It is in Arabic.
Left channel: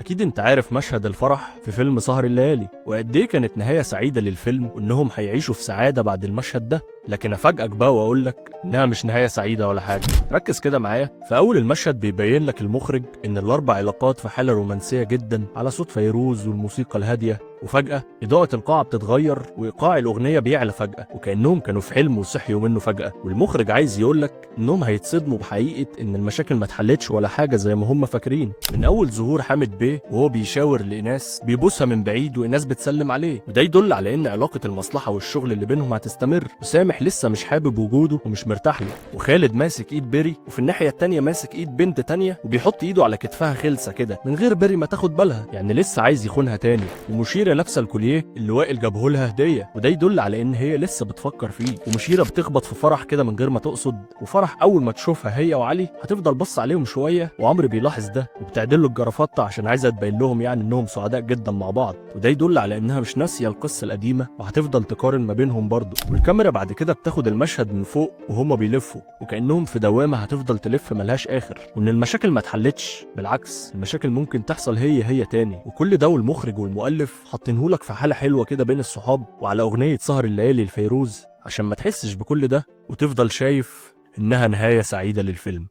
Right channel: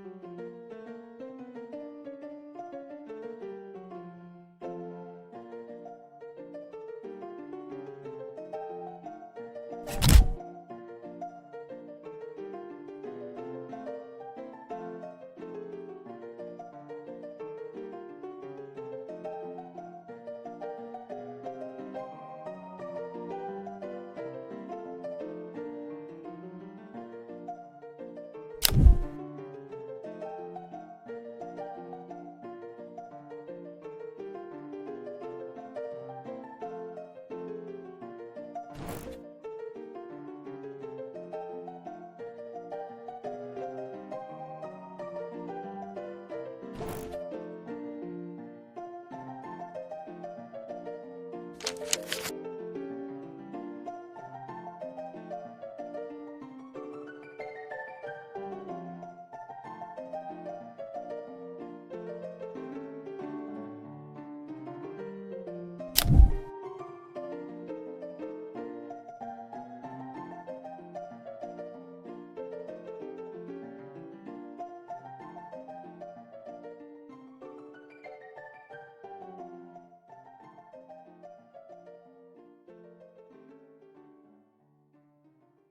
أكيد أنت عارف مشهد الفرح في فيلم سهر الليالي، وقد إيه كانت نهاية سعيدة للفيلم وإنهم هيعيشوا في سعادة بعد المشهد ده. لكن أفاجئك بقى وأقول لك إنها مش نهاية سعيدة ولا حاجة. ركز كده معايا، في أول المشهد بيبين لك المخرج إن الأربع علاقات في حالة رومانسية جدا على صوت فيروز والموسيقى الهادية، وفجأة إضاءة القاعة بتتغير وإيقاع الأغنية بيعلى فجأة، وكأنهم كانوا في حلم وصحيوا منه فجأة. والمخرج عايز يقولك إنهم هيتصدموا بحقيقة إن المشاكل ما اتحلتش ولا حاجة زي ما هم فاكرين. من أول ظهور حامد بيه وهو بيشاور لإيناس بيبوسها من بعيد وإيناس بتسلم عليه، وده يدل على إن علاقة المصلحة والشغل اللي بينهم هتستمر، وسامح لسه مش حابب وجوده ومش مرتاح له، وخالد ماسك إيد بيري وفي الناحية التانية ماسك إيد بنت تانية وبيحط إيده على كتفها خلسة كده من غير بيري ما تاخد بالها، يعني لسه عايز يخونها تاني. ومشيرة لابسة الكوليه اللي وائل جابه لها هدية، وده يدل على إن هي لسه بتفكر فيه. ومشيرة بتخبط في فرح كده من غير ما تقصد، وفرح أول ما تشوفها هي وعلي هتفضل بص عليهم شوية، وعمرو بيلاحظ ده وبتعدل له الجرافطة عشان عايزة تبين لهم يعني إنهم سعداء جدا مع بعض، وده يدل على إنها مش ناسية القصة القديمة وهتفضل تقارن ما بينهم برضه. والكاميرا بعد كده بتاخد المشهد من فوق وهما بيلفوا، وكأنهم في دوامة هتفضل تلف ملهاش آخر، وإن المشاكل ما اتحلتش، بالعكس المشاكل ممكن تحصل هي تاني. وكل ده والمخرج والمؤلف حاطينهولك في حالة حلوة كده بين الصحاب وعلى أغنية سهر الليالي لفيروز عشان ما تحسش بكل ده وتفضل شايف إنها نهاية سعيدة للفيلم.